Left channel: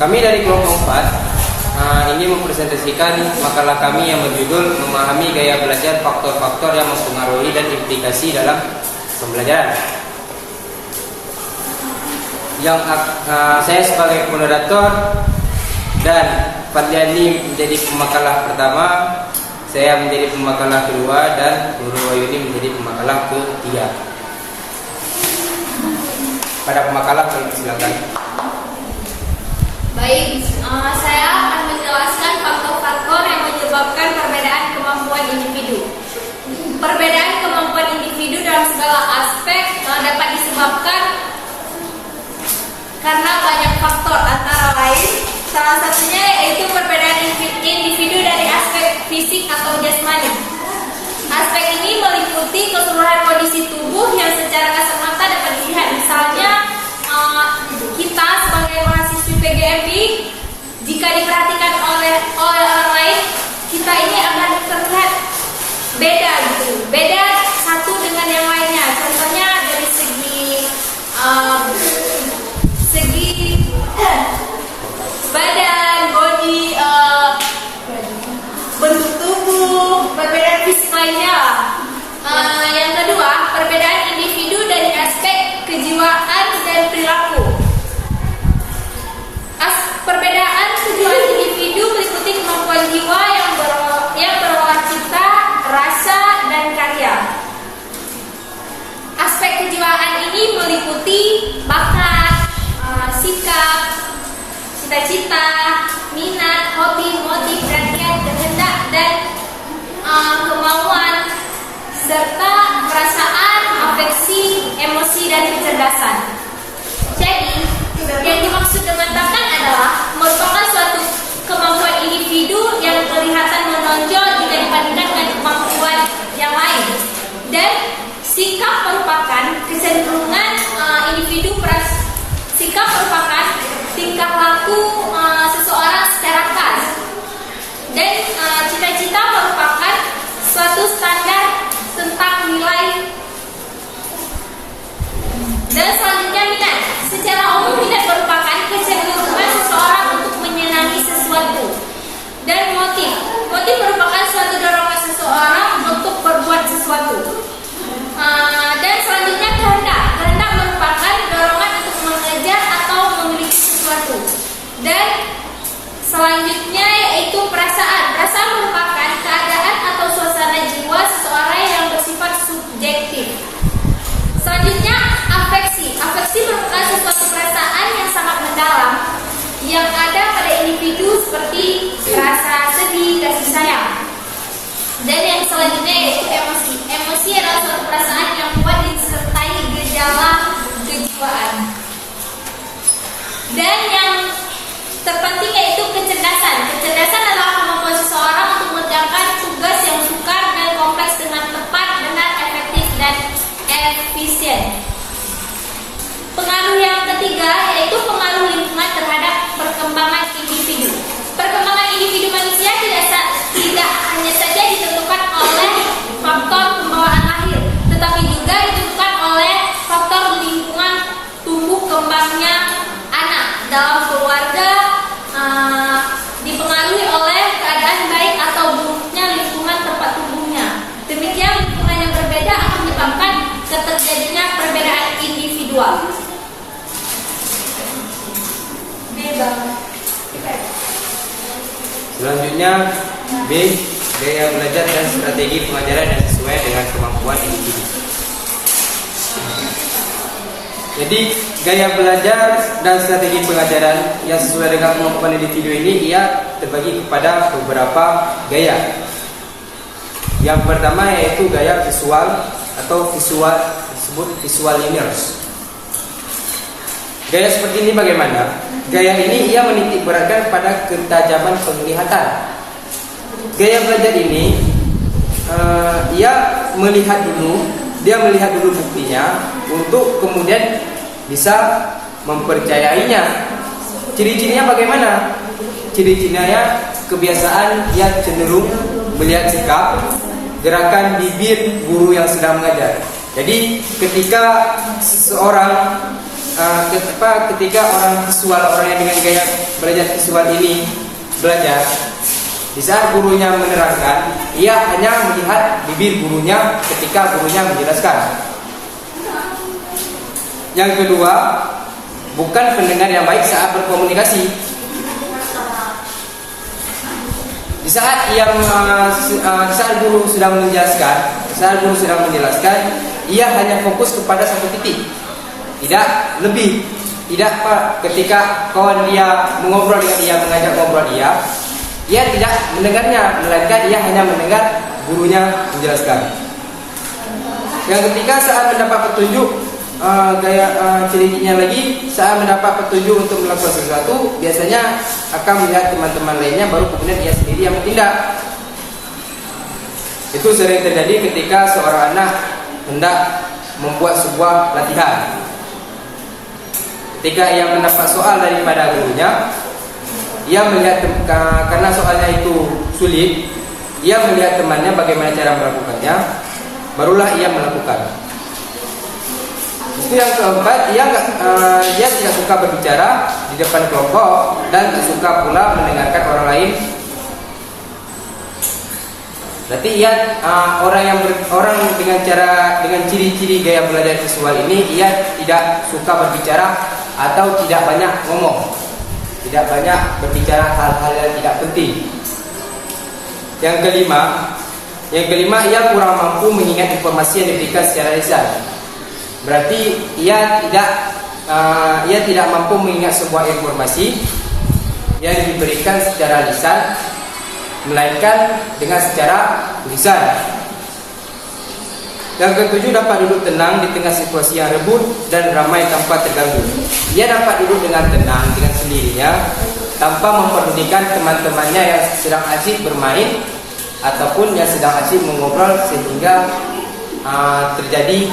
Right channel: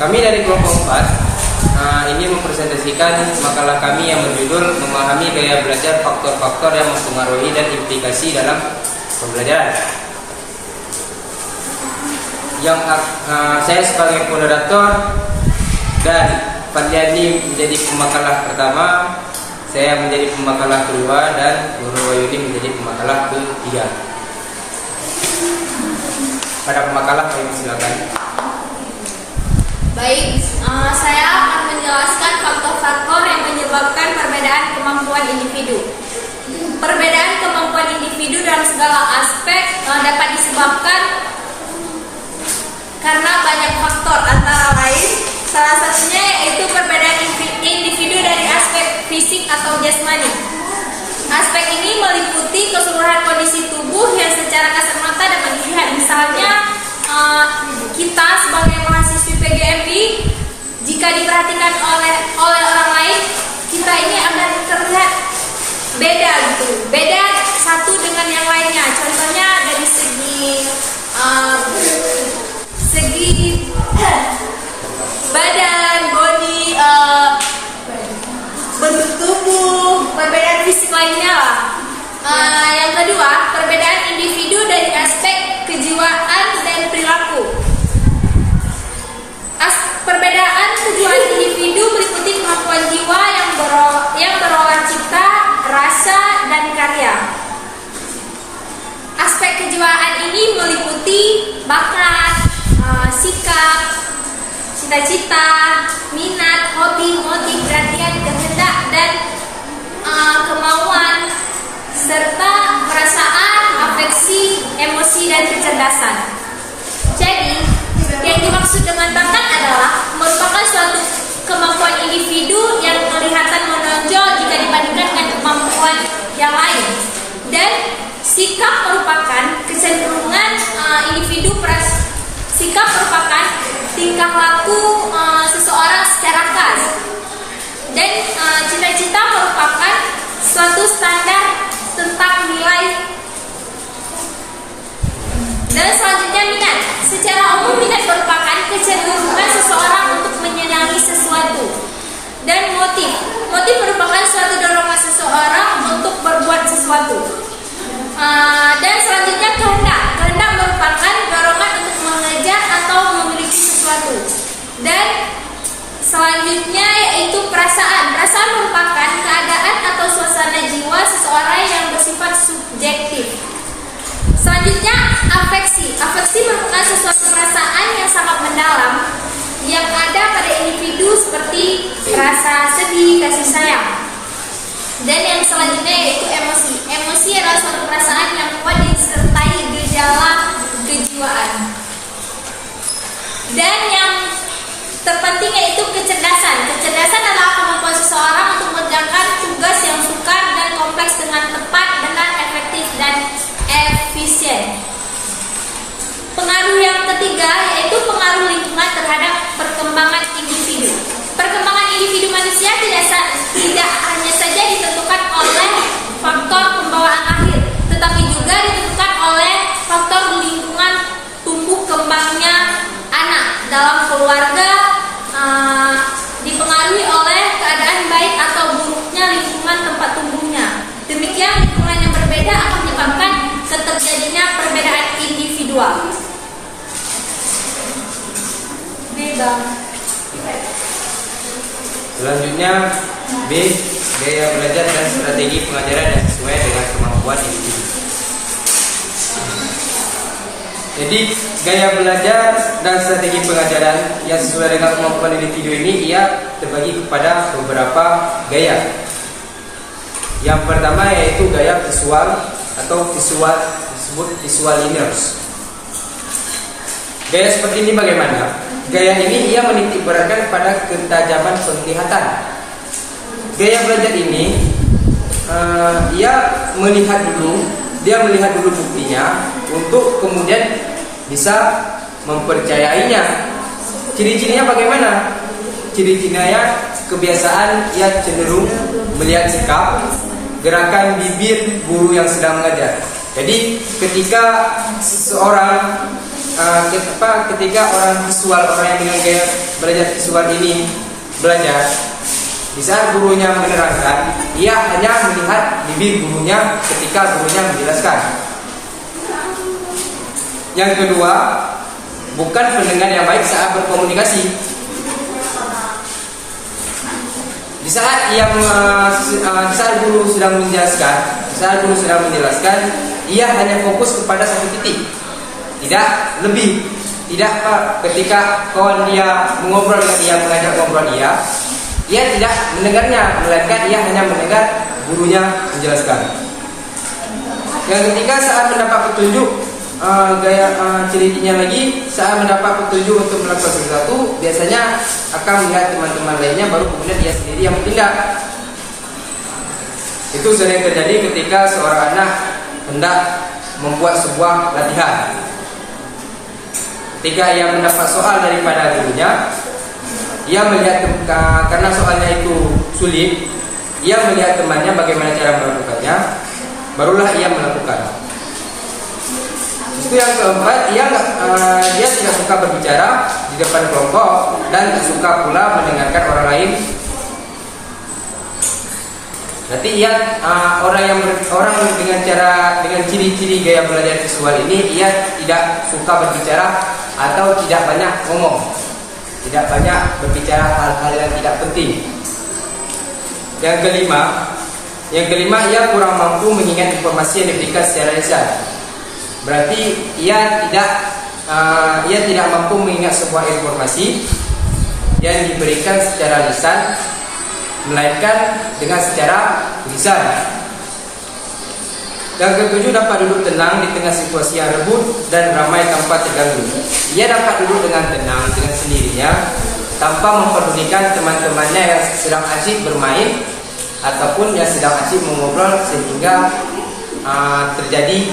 Kami dari kelompok 4 ini mempresentasikan makalah kami yang berjudul Memahami Gaya Belajar Faktor-Faktor yang Mempengaruhi dan Implikasi dalam Pembelajaran. Yang saya sebagai moderator dan Fadliani menjadi pemakalah pertama, saya menjadi pemakalah kedua, dan Nurul Wahyudi menjadi pemakalah ketiga. Pada pemakalah kami silakan. Baik, saya akan menjelaskan faktor-faktor yang menyebabkan perbedaan kemampuan individu. Perbedaan kemampuan individu dalam segala aspek dapat disebabkan karena banyak faktor, antara lain salah satunya yaitu perbedaan individu dari aspek fisik atau jasmani. Aspek ini meliputi keseluruhan kondisi tubuh yang secara kasat mata dapat dilihat. Misalnya kita sebagai mahasiswi PGMI, jika diperhatikan oleh orang lain, kita ini akan terlihat beda gitu, beda satu dengan yang lainnya. Contohnya dari segi badan, body, bentuk tubuh, perbedaan fisik lainnya lah. Yang kedua, perbedaan individu dari aspek kejiwaan dan perilaku. Perbedaan kejiwaan individu meliputi kemampuan jiwa yang berolah cipta, rasa, dan karya. Aspek kejiwaan ini meliputi bakat, sikap, cita-cita, minat, hobi, motif, perhatian, kehendak, dan kemauan, serta perasaan, afeksi, emosi, dan kecerdasan. Jadi, yang dimaksud dengan bakat adalah merupakan suatu kemampuan individu yang kelihatan menonjol jika dibandingkan dengan kemampuan yang lain. Dan sikap merupakan kecenderungan individu. Sikap merupakan tingkah laku seseorang secara khas. Dan cita-cita merupakan suatu standar tentang nilai. Dan selanjutnya minat. Secara umum minat merupakan kecenderungan seseorang untuk menyenangi sesuatu. Dan motif. Motif merupakan suatu dorongan seseorang untuk berbuat sesuatu. Dan selanjutnya kehendak. Kehendak merupakan dorongan untuk mengejar atau memiliki sesuatu. Dan selanjutnya yaitu perasaan. Perasaan merupakan keadaan atau suasana jiwa seseorang yang bersifat subjektif. Selanjutnya afeksi. Afeksi merupakan sesuatu perasaan yang sangat mendalam yang ada pada individu seperti rasa sedih, kasih sayang. Dan yang selanjutnya yaitu emosi. Emosi adalah suatu perasaan yang kuat disertai gejala kejiwaan. Dan yang terpenting yaitu kecerdasan. Kecerdasan adalah kemampuan seseorang untuk mengerjakan tugas yang sukar dan kompleks dengan tepat, benar, efektif, dan efisien. Pengaruh yang ketiga yaitu pengaruh lingkungan terhadap perkembangan individu. Perkembangan individu manusia tidak hanya saja ditentukan oleh faktor pembawaan lahir, tetapi juga ditentukan oleh faktor lingkungan tumbuh kembangnya anak dalam keluarga, dipengaruhi oleh keadaan baik atau buruknya lingkungan tempat tumbuhnya. Demikian lingkungan yang berbeda akan menyebabkan terjadinya perbedaan individual. Selanjutnya B. Gaya belajar dan strategi pengajaran yang sesuai dengan kemampuan individu. Jadi gaya belajar dan strategi pengajaran yang sesuai dengan kemampuan individu ini ia terbagi kepada beberapa gaya. Yang pertama yaitu gaya visual atau disebut visual learners. Gaya seperti ini bagaimana? Gaya ini ia menitik beratkan pada ketajaman penglihatan. Gaya belajar ini ia melihat dulu buktinya untuk kemudian bisa mempercayainya. Ciri-cirinya bagaimana? Ciri-cirinya kebiasaan yang cenderung melihat sikap, gerakan bibir guru yang sedang mengajar. Jadi ketika seseorang ketika orang visual, orang yang dengan gaya belajar visual ini belajar, di saat gurunya menerangkan, ia hanya melihat bibir gurunya ketika gurunya menjelaskan. Yang kedua, bukan pendengar yang baik saat berkomunikasi. Di saat saat guru sedang menjelaskan, ia hanya fokus kepada satu titik, tidak lebih. Tidak ketika kawan dia mengobrol dengan dia, mengajak ngobrol dia tidak mendengarnya, melainkan ia hanya mendengar gurunya menjelaskan. Yang ketiga, saat mendapat petunjuk, ciri-cirinya lagi, saat mendapat petunjuk untuk melakukan sesuatu, biasanya akan melihat teman-teman lainnya, baru kemudian dia sendiri yang bertindak. Itu sering terjadi ketika seorang anak hendak membuat sebuah latihan. Ketika ia mendapat soal daripada gurunya, ia melihat karena soalnya itu sulit, ia melihat temannya bagaimana cara melakukannya, barulah ia melakukan. Itu yang keempat, dia tidak suka berbicara di depan kelompok dan tak suka pula mendengarkan orang lain. Berarti orang dengan ciri-ciri gaya belajar visual ini, ia tidak suka berbicara atau tidak banyak ngomong, tidak banyak berbicara hal-hal yang tidak penting. Yang kelima, ia kurang mampu mengingat informasi yang diberikan secara lisan. Berarti ia tidak mampu mengingat sebuah informasi yang diberikan secara lisan, melainkan dengan secara tulisan. Yang ketujuh, dapat duduk tenang di tengah situasi yang rebut dan ramai tanpa terganggu. Ia dapat duduk dengan tenang dengan sendirinya, tanpa mempedulikan teman-temannya yang sedang asyik bermain ataupun yang sedang asyik mengobrol, sehingga terjadi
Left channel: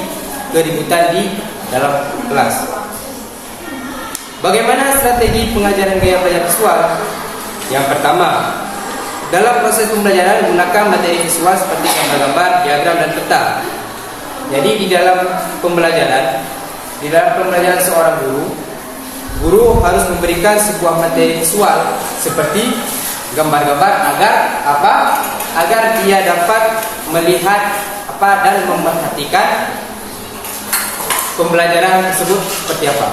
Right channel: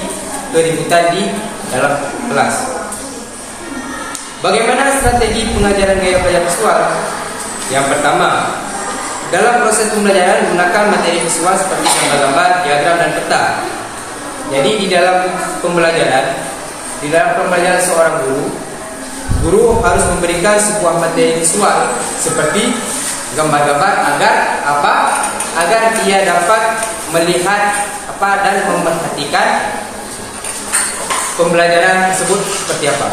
keributan di dalam kelas. Bagaimana strategi pengajaran gaya belajar visual? Yang pertama, dalam proses pembelajaran gunakan materi visual seperti gambar-gambar, diagram, dan peta. Jadi di dalam pembelajaran seorang guru harus memberikan sebuah materi visual seperti gambar-gambar agar dia dapat melihat dan memerhatikan pembelajaran tersebut seperti apa.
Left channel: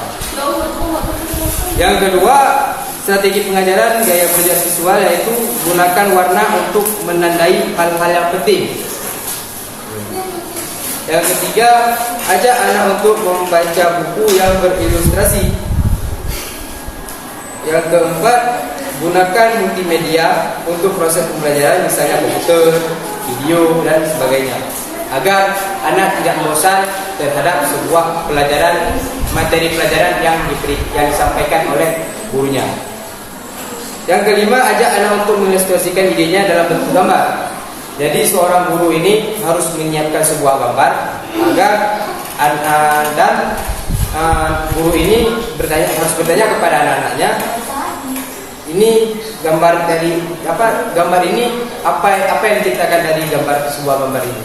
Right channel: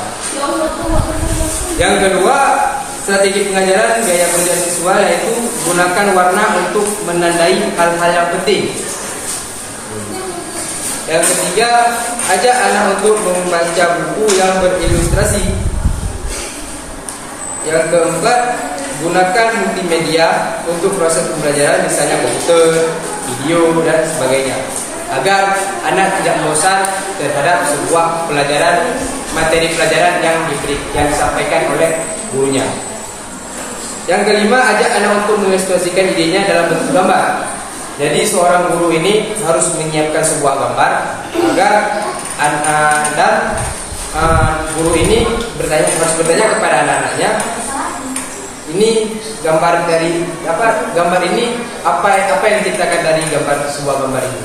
Yang kedua, strategi pengajaran gaya belajar visual yaitu gunakan warna untuk menandai hal-hal yang penting. Yang ketiga, ajak anak untuk membaca buku yang berilustrasi. Yang keempat, gunakan multimedia untuk proses pembelajaran, misalnya komputer, video, dan sebagainya, agar anak tidak bosan terhadap sebuah materi pelajaran yang disampaikan oleh gurunya. Yang kelima, ajak anak untuk mengilustrasikan idenya dalam bentuk gambar. Jadi seorang guru ini harus menyiapkan sebuah gambar agar guru ini harus bertanya kepada anak-anaknya, ini gambar dari gambar ini apa yang diciptakan dari sebuah gambar ini.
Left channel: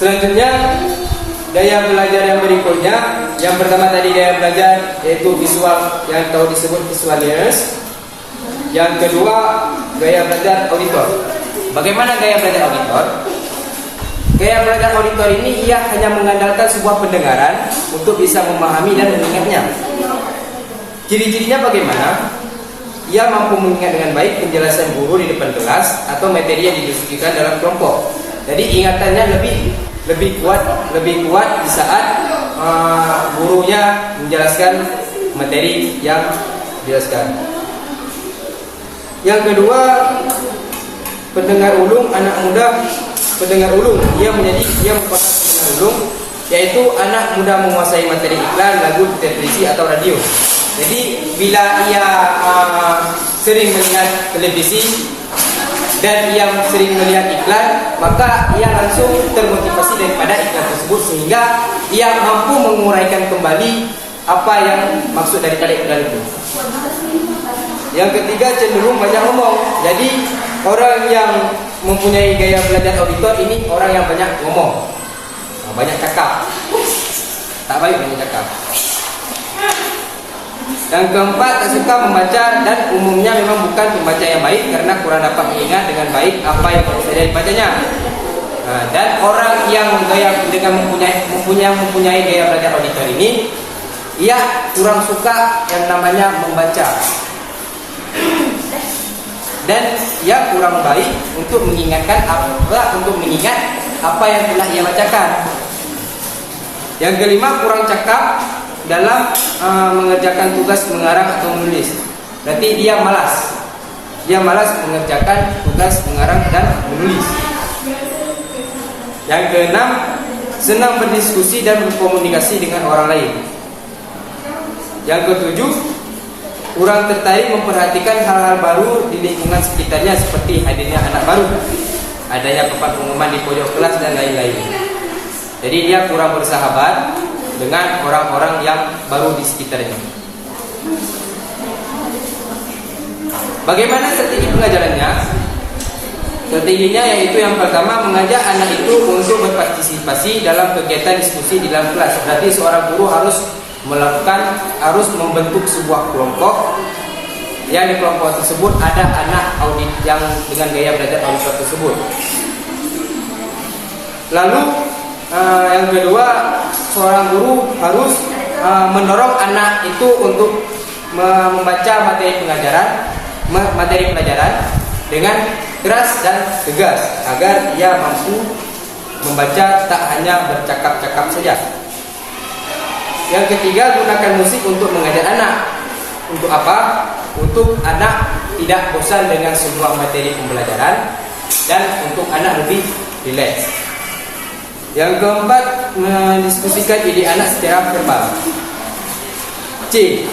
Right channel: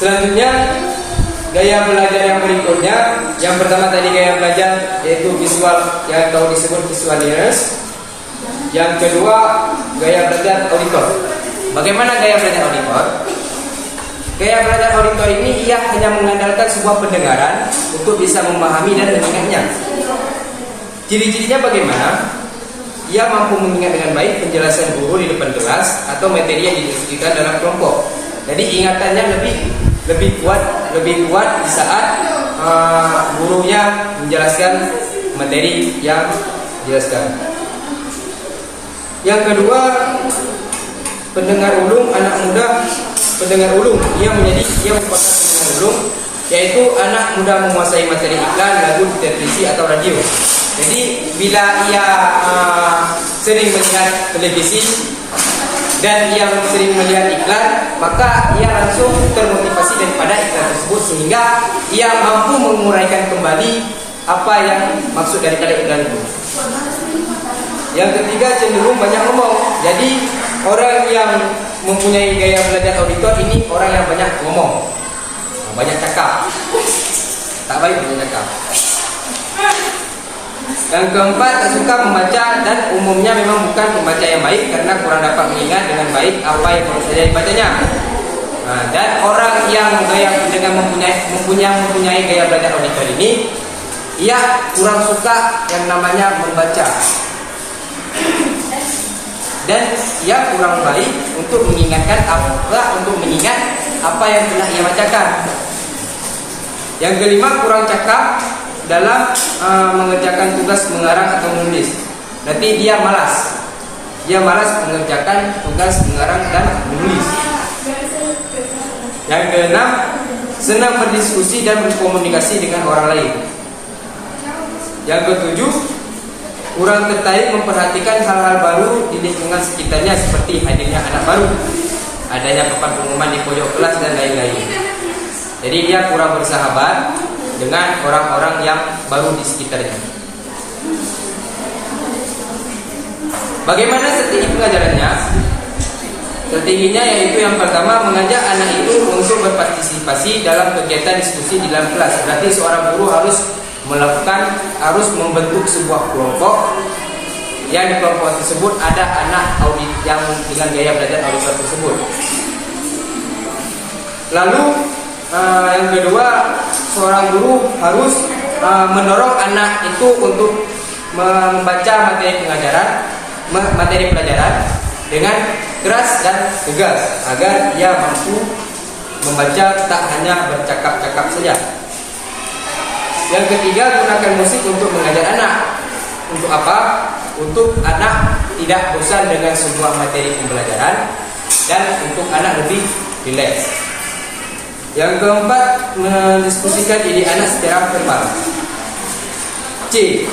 Selanjutnya, gaya belajar yang berikutnya, yang pertama tadi gaya belajar yaitu visual yang disebut visual learners. Yang kedua, gaya belajar auditor. Bagaimana gaya belajar auditor? Gaya belajar auditor ini ia hanya mengandalkan sebuah pendengaran untuk bisa memahami dan mengingatnya. Ciri-cirinya bagaimana? Ia mampu mengingat dengan baik penjelasan guru di depan kelas atau materi yang didiskusikan dalam kelompok. Jadi ingatannya lebih kuat di saat gurunya menjelaskan materi yang dijelaskan. Yang kedua, pendengar ulung, anak muda pendengar ulung. Ia merupakan pendengar ulung, yaitu anak muda menguasai materi iklan, lagu, televisi atau radio. Jadi bila ia sering melihat televisi dan ia sering melihat iklan, maka ia langsung termotivasi daripada iklan tersebut, sehingga ia mampu menguraikan kembali apa yang maksud daripada iklan itu. Yang ketiga, cenderung banyak ngomong. Jadi orang yang mempunyai gaya belajar auditor ini orang yang banyak ngomong, banyak cakap. tak baik untuk cakap. Yang keempat, tak suka membaca dan umumnya memang bukan pembaca yang baik karena kurang dapat mengingat dengan baik apa yang baru saja dibacanya. Dan orang yang mempunyai gaya belajar auditor ini, ia kurang suka yang namanya membaca. Dan ia kurang baik untuk mengingat apa yang telah ia bacakan. Yang kelima, kurang cakap dalam mengerjakan tugas mengarang atau menulis. Berarti dia malas. Dia malas mengerjakan tugas mengarang dan menulis. Yang keenam, senang berdiskusi dan berkomunikasi dengan orang lain. Yang ketujuh, kurang tertarik memperhatikan hal-hal baru di lingkungan sekitarnya seperti hadirnya anak baru, adanya papan pengumuman di pojok kelas dan lain-lain. Jadi dia kurang bersahabat dengan orang-orang yang baru di sekitarnya. Bagaimana strategi pengajarannya? Strateginya yaitu yang pertama, mengajak anak itu untuk berpartisipasi dalam kegiatan diskusi di dalam kelas. Berarti seorang guru harus membentuk sebuah kelompok, yang di kelompok tersebut ada anak audit yang dengan gaya belajar auditor tersebut. Lalu yang kedua, seorang guru harus mendorong anak itu untuk membaca materi pelajaran dengan keras dan tegas agar ia mampu membaca, tak hanya bercakap-cakap saja. Yang ketiga, gunakan musik untuk mengajar anak. Untuk apa? Untuk anak tidak bosan dengan sebuah materi pembelajaran dan untuk anak lebih rileks. Yang keempat, mendiskusikan ide anak secara verbal. C.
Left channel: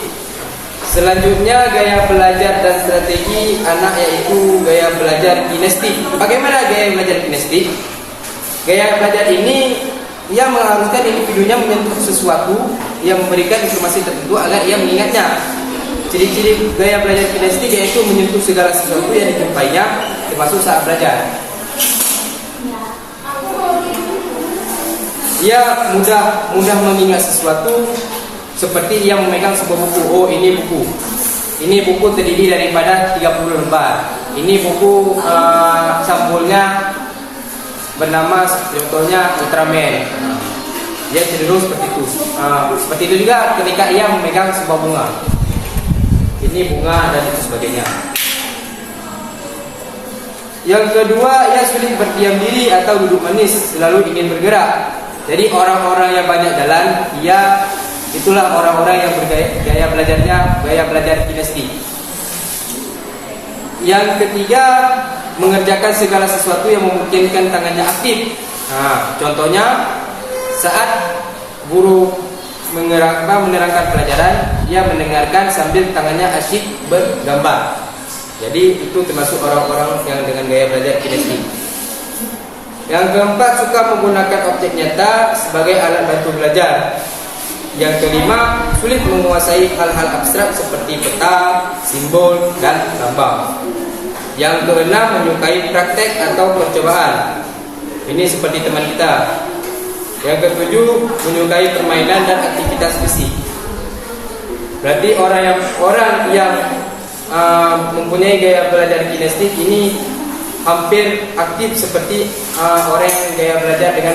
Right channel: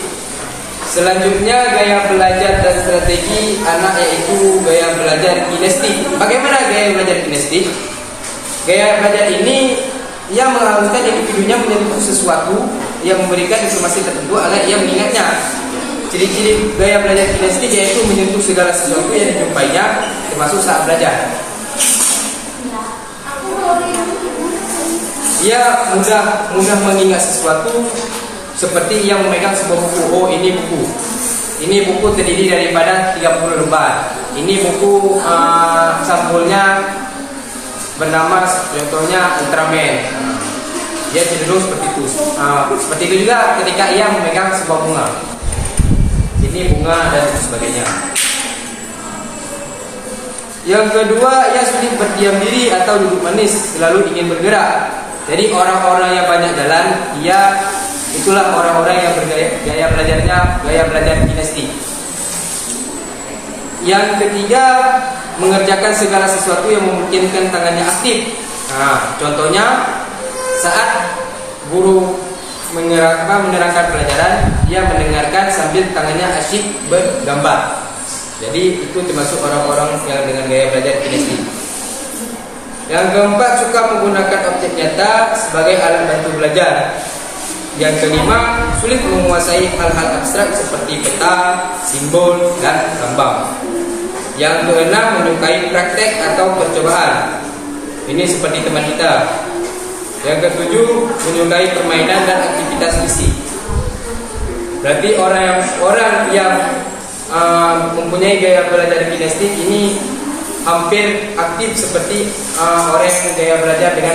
Selanjutnya, gaya belajar dan strategi anak yaitu gaya belajar kinestik. Bagaimana gaya belajar kinestik? Gaya belajar ini yang mengharuskan individunya menyentuh sesuatu yang memberikan informasi tertentu agar ia mengingatnya. Ciri-ciri gaya belajar kinestik yaitu menyentuh segala sesuatu yang dijumpainya, termasuk saat belajar. Ia mudah mengingat sesuatu, seperti ia memegang sebuah buku. Oh, ini buku. Ini buku terdiri daripada 30 lembar. Ini buku sampulnya bernama contohnya Ultraman. Dia cenderung seperti itu. Seperti itu juga ketika ia memegang sebuah bunga. Ini bunga dan sebagainya. Yang kedua, ia sulit berdiam diri atau duduk manis, selalu ingin bergerak. Jadi orang-orang yang banyak jalan, itulah orang-orang yang gaya belajar kinestik. Yang ketiga, mengerjakan segala sesuatu yang memungkinkan tangannya aktif. Contohnya saat guru menerangkan pelajaran, dia mendengarkan sambil tangannya asyik bergambar. Jadi itu termasuk orang-orang yang dengan gaya belajar kinestik. Yang keempat, suka menggunakan objek nyata sebagai alat bantu belajar. Yang kelima, sulit menguasai hal-hal abstrak seperti peta, simbol, dan gambar. Yang keenam, menyukai praktek atau percobaan. Ini seperti teman kita. Yang ketujuh, menyukai permainan dan aktivitas fisik. Berarti orang yang mempunyai gaya belajar kinestik ini hampir aktif seperti orang yang gaya belajar dengan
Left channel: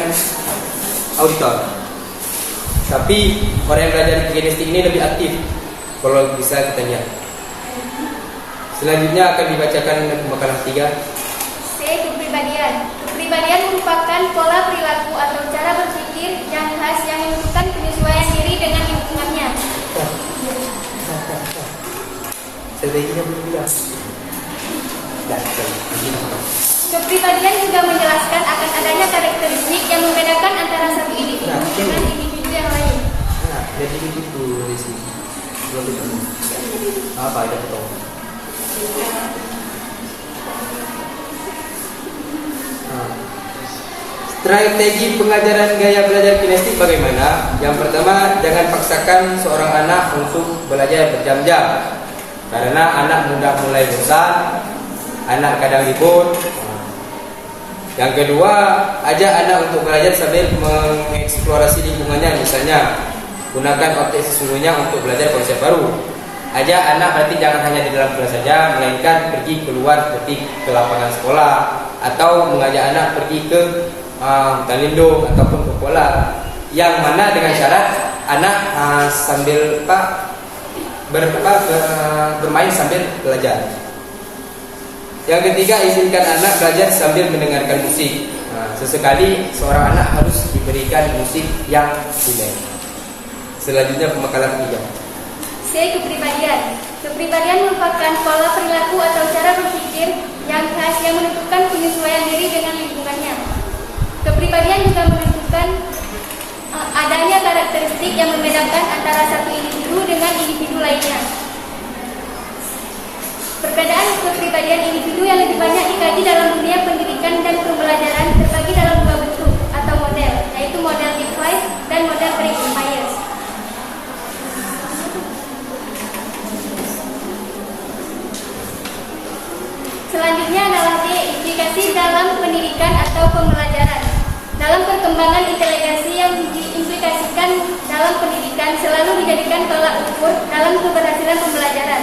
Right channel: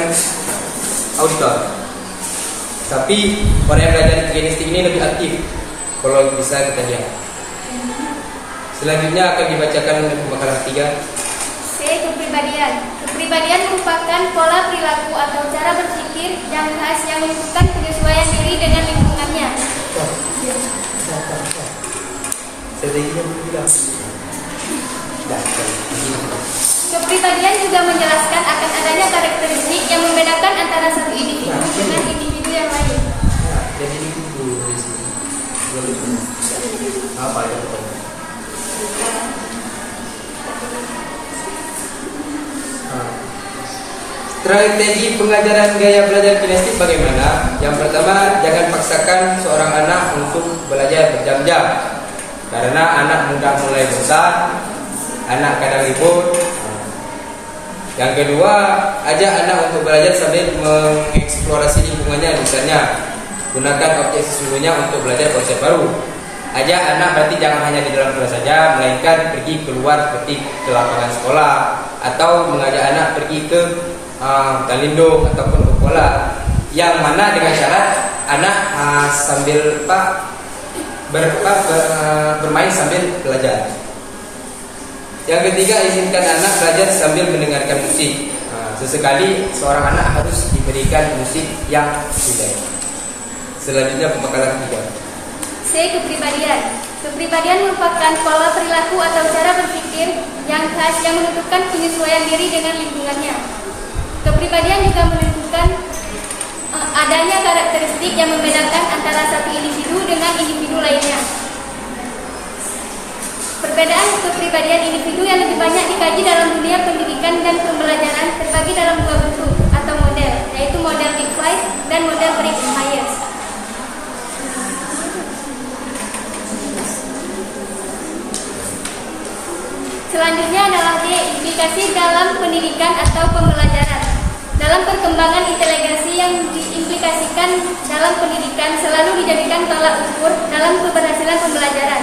auditor. Tapi orang yang belajar kinestik ini lebih aktif. Kalau bisa kita lihat. Selanjutnya akan dibacakan pembekalan 3. C. Kepribadian. Kepribadian merupakan pola perilaku atau cara berpikir yang khas yang menentukan penyesuaian diri dengan lingkungannya. Kepribadian juga menjelaskan akan adanya karakteristik yang membedakan antara satu individu dengan individu yang lain. Jadi itu apa itu betul? Strategi pengajaran gaya belajar kinestik bagaimana? Yang pertama, jangan paksakan seorang anak untuk belajar berjam-jam, karena anak mudah mulai bosan, anak kadang ribut. Yang kedua, ajak anak untuk belajar sambil mengeksplorasi lingkungannya. Misalnya, gunakan objek sesungguhnya untuk belajar konsep baru. Ajak anak berarti jangan hanya di dalam kelas saja, melainkan pergi keluar seperti ke lapangan sekolah, atau mengajak anak pergi ke hutan lindung ataupun ke pola. Yang mana dengan syarat anak sambil bermain sambil belajar. Yang ketiga, izinkan anak belajar sambil mendengarkan musik. Sesekali seorang anak harus diberikan musik yang rileks. Selanjutnya pembekalan ketiga. C. Kepribadian. Kepribadian merupakan pola perilaku atau cara berpikir yang khas yang menentukan penyesuaian diri dengan lingkungannya. Kepribadian juga menentukan adanya karakteristik yang membedakan antara satu individu dengan individu lainnya. Perbedaan kepribadian individu yang lebih banyak dikaji dalam dunia pendidikan dan pembelajaran terbagi dalam dua bentuk atau model, yaitu model Big Five dan model Briggs-Myers. Selanjutnya adalah D. Implikasi dalam pendidikan atau pembelajaran. Dalam perkembangan inteligensi yang diimplikasikan dalam pendidikan selalu dijadikan tolak ukur dalam keberhasilan pembelajaran.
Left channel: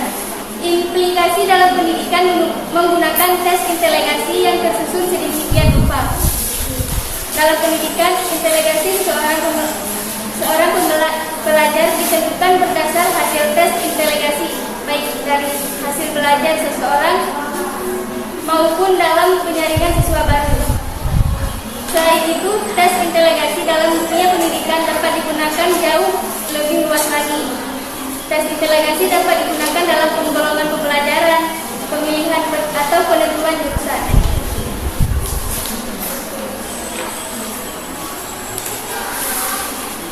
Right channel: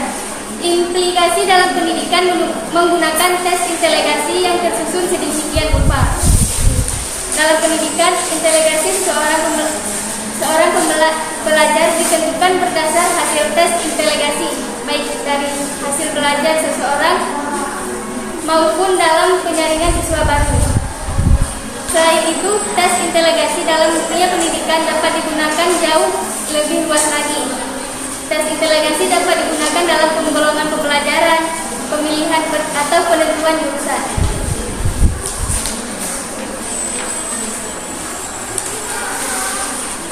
Implikasi dalam pendidikan menggunakan tes inteligensi yang tersusun sedemikian rupa. Dalam pendidikan, inteligensi seorang pelajar ditentukan berdasar hasil tes inteligensi, baik dari hasil belajar seseorang maupun dalam penyaringan siswa baru. Selain itu, tes inteligensi dalam dunia pendidikan dapat digunakan jauh lebih luas lagi. Tes inteligensi dapat digunakan dalam penggolongan pembelajaran, pemilihan atau penentuan jurusan.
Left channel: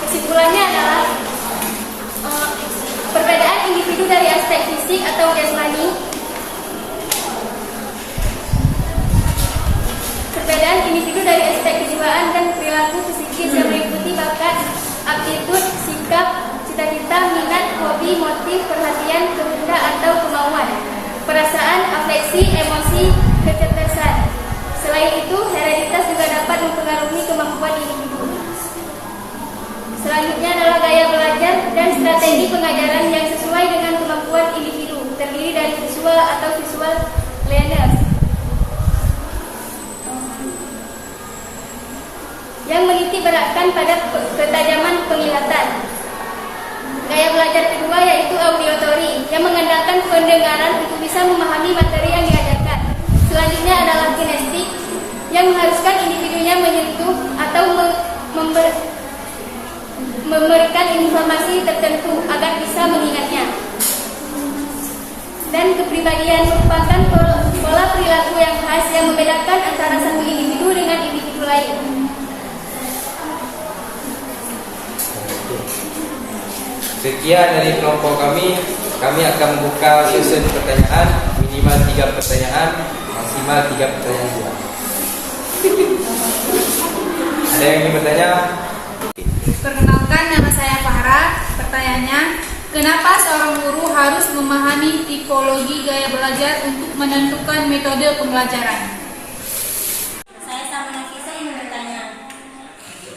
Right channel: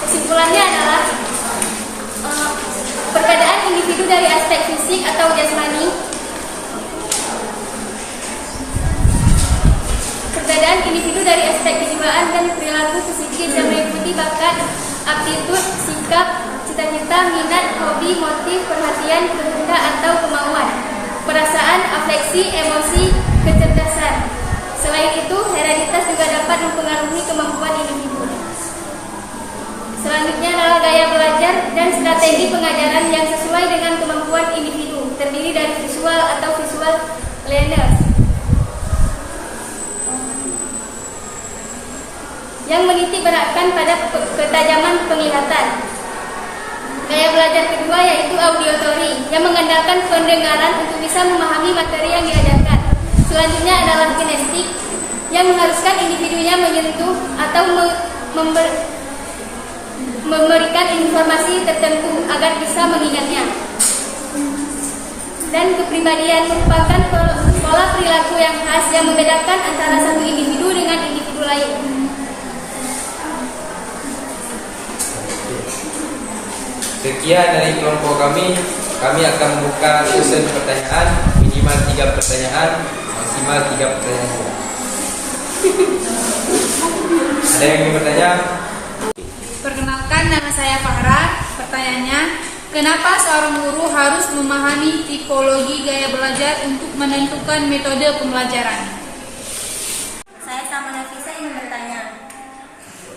Kesimpulannya adalah perbedaan individu dari aspek fisik atau jasmani. Perbedaan individu dari aspek kejiwaan dan perilaku psikis yang meliputi bakat, aptitud, sikap, cita-cita, minat, hobi, motif, perhatian, kehendak atau kemauan, perasaan, afeksi, emosi, kecerdasan. Selain itu, hereditas juga dapat mempengaruhi kemampuan individu. Selanjutnya adalah gaya belajar dan strategi pengajaran yang sesuai dengan kemampuan individu, terdiri dari visual atau visual learners, yang menitik beratkan pada ketajaman penglihatan. Gaya belajar kedua yaitu auditory, yang mengandalkan pendengaran untuk bisa memahami materi yang diajarkan. Selanjutnya adalah kinestik, yang mengharuskan individunya menyentuh atau memberikan informasi tertentu agar bisa mengingatnya. Dan kepribadian merupakan pola perilaku yang khas yang membedakan antara satu individu dengan individu lain. Sekian dari kelompok kami akan membuka sesi pertanyaan, minimal 3 pertanyaan, maksimal 3 pertanyaan. Ada yang ingin bertanya? Perkenalkan, nama saya Fahra. Pertanyaannya, kenapa seorang guru harus memahami tipologi gaya belajar untuk menentukan metode pembelajaran? Saya sama Nafisa ingin bertanya,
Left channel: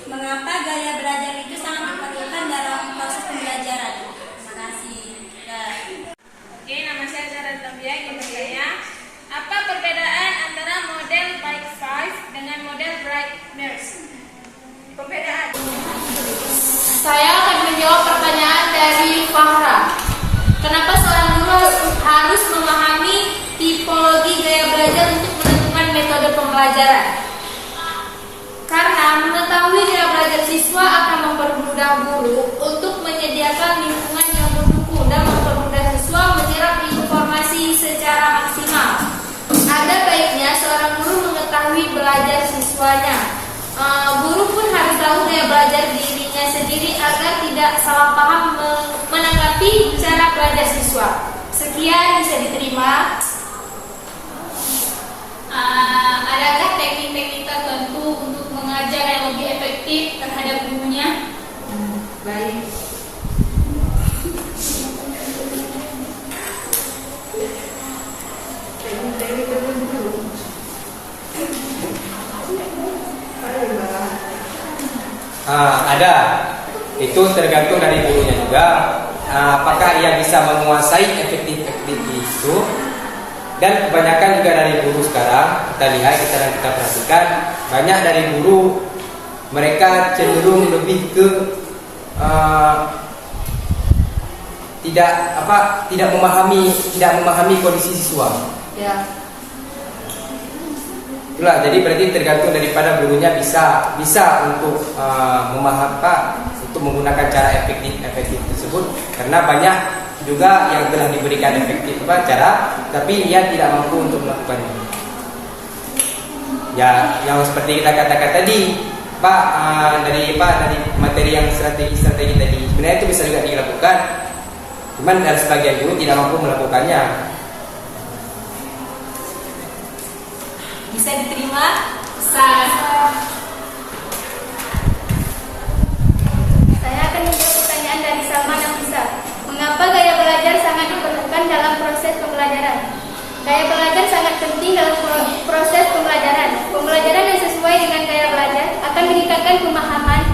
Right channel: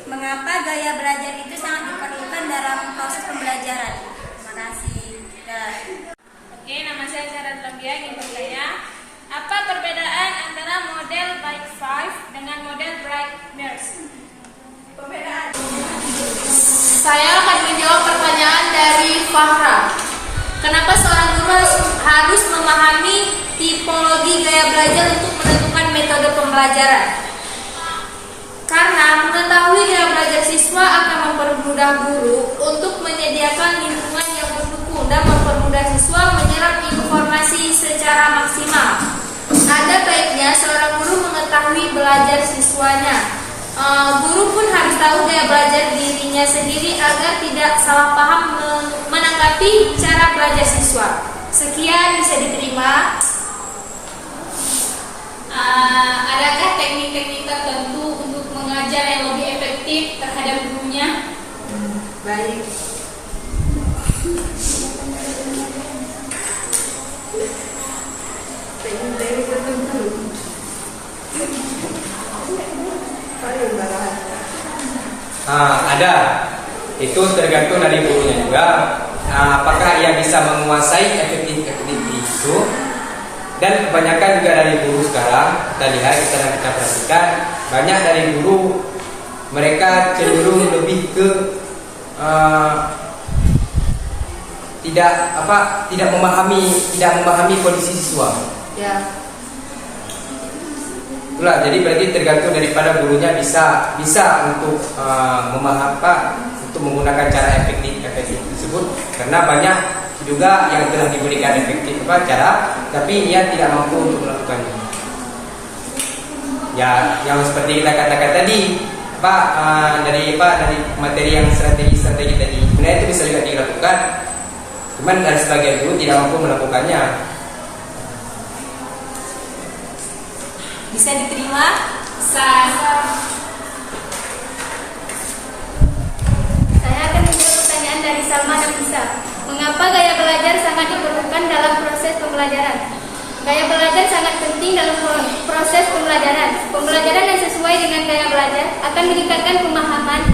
mengapa gaya belajar itu sangat diperlukan dalam proses pembelajaran? Terima kasih. Oke, nama saya Zahra Lambia ingin bertanya, apa perbedaan antara model Big Five dengan model Briggs-Myers? Perbedaan. Saya akan menjawab pertanyaan dari Fahra. Kenapa seorang guru harus memahami tipologi gaya belajar untuk menentukan metode pembelajaran? Karena mengetahui gaya belajar siswa akan mempermudah guru untuk menyediakan lingkungan yang mendukung dan mempermudah siswa menyerap informasi secara maksimal. Ada baiknya seorang guru mengetahui belajar siswanya. Guru pun harus tahu gaya belajar dirinya sendiri agar tidak salah paham menanggapi cara belajar siswa. Sekian, bisa diterima. Adakah teknik-teknik tertentu untuk mengajar yang lebih efektif terhadap gurunya? Baik. ada. Itu tergantung dari gurunya juga. Apakah ia bisa menguasai efektif itu. Dan kebanyakan juga dari guru sekarang, kita perhatikan banyak dari guru mereka cenderung lebih ke tidak memahami kondisi siswa. Ya. Itulah, jadi berarti tergantung daripada gurunya bisa untuk untuk menggunakan cara efektif tersebut, karena banyak juga yang telah diberikan efektif cara, tapi ia tidak mampu untuk melakukannya. Ya, yang seperti kita katakan tadi, dari materi yang strategi tadi, sebenarnya itu bisa juga dilakukan, cuman ada sebagian guru tidak mampu melakukannya. Bisa diterima? Saya akan menjawab pertanyaan dari Salma Nafisa. Mengapa gaya belajar sangat diperlukan dalam proses pembelajaran? Gaya belajar sangat penting dalam proses pembelajaran. Pembelajaran yang sesuai dengan gaya belajar akan meningkatkan pemahaman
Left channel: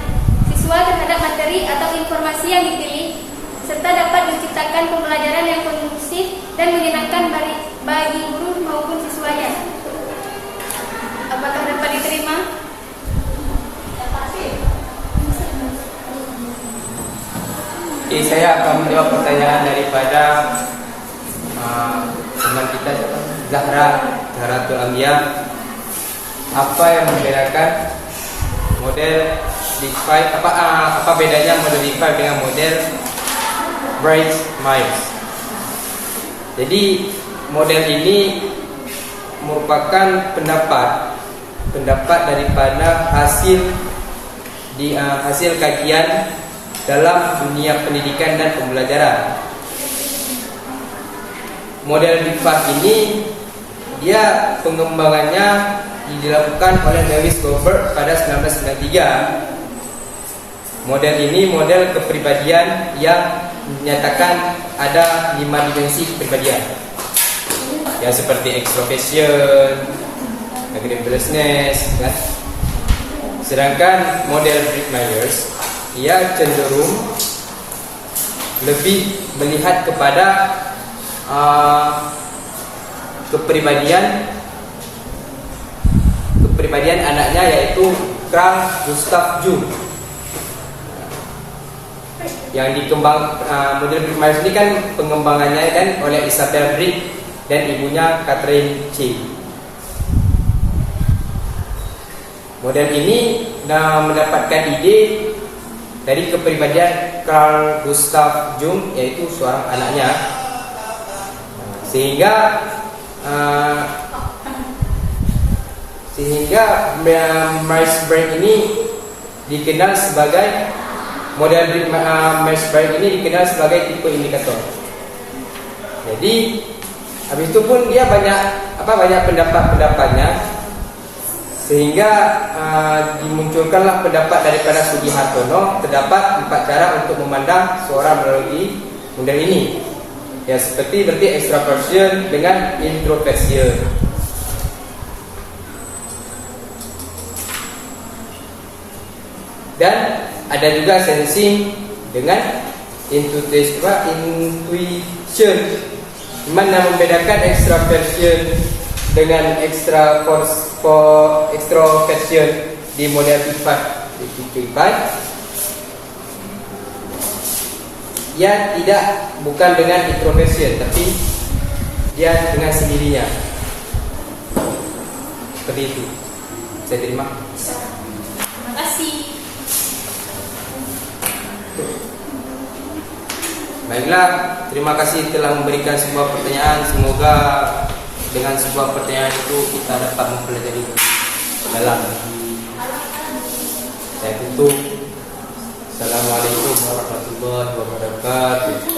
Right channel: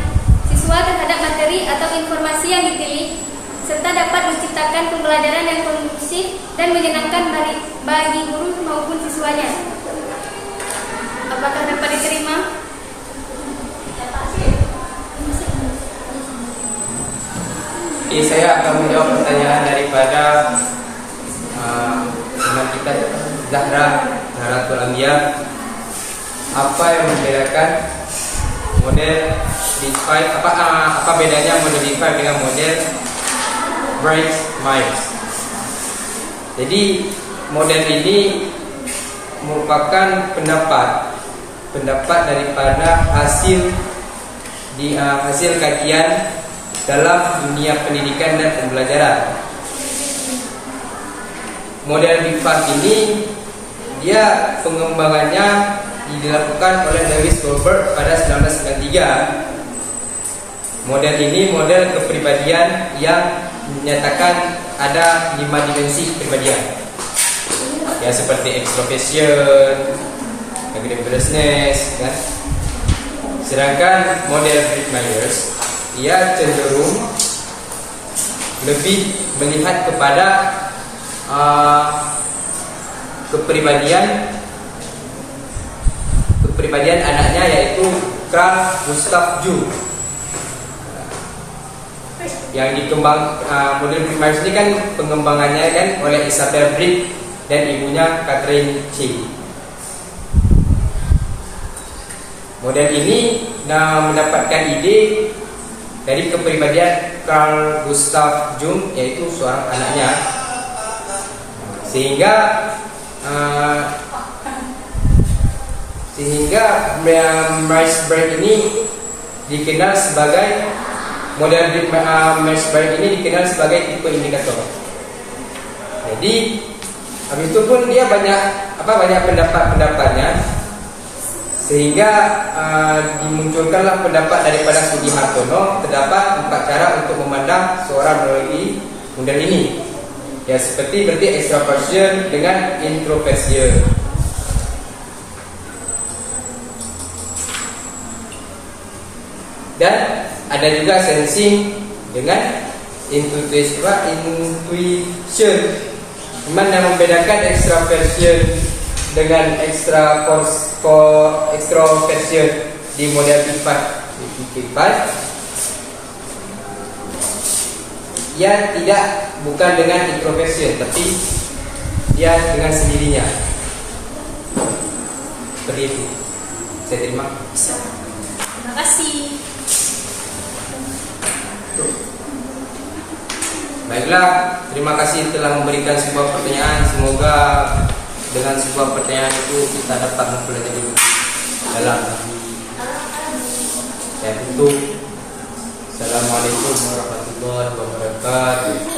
siswa terhadap materi atau informasi yang dipilih, serta dapat menciptakan pembelajaran yang kondusif dan menyenangkan bagi guru maupun siswanya. Apakah dapat diterima? Saya akan menjawab pertanyaan daripada teman kita Zahratul Anbiya. Apa yang membedakan model D5? Apa bedanya model D5 dengan model Briggs-Myers? Jadi model ini merupakan pendapat daripada hasil kajian dalam dunia pendidikan dan pembelajaran. Model D5 ini dia pengembangannya dilakukan oleh Lewis Goldberg pada 1993. Model ini model kepribadian yang menyatakan ada 5 dimensi kepribadian, ya, seperti extroversion, agreeableness, dan sedangkan model Briggs-Myers ia cenderung lebih melihat kepada kepribadian anaknya, yaitu Carl Gustav Jung. Yang model Briggs-Myers ini kan pengembangannya kan oleh Isabel Briggs dan ibunya Catherine C. Model ini mendapatkan ide dari kepribadian Carl Gustav Jung, yaitu seorang anaknya, sehingga Myers-Briggs ini dikenal sebagai tipe indikator. Jadi habis itu pun dia banyak pendapat-pendapatnya, sehingga dimunculkanlah pendapat daripada Sugihartono. Terdapat 4 cara untuk memandang seorang melalui model ini, ya, seperti berarti extroversion dengan introversion. Dan ada juga sensing dengan intuition. Mana membedakan extroversion dengan extroversion di model D5? Ya, bukan dengan introversion, tapi dia dengan sendirinya. Seperti itu. Saya terima. Terima kasih. Baiklah, terima kasih telah memberikan sebuah pertanyaan. Semoga dengan sebuah pertanyaan itu kita dapat mempelajari dalam. Saya tutup. Assalamualaikum warahmatullahi wabarakatuh.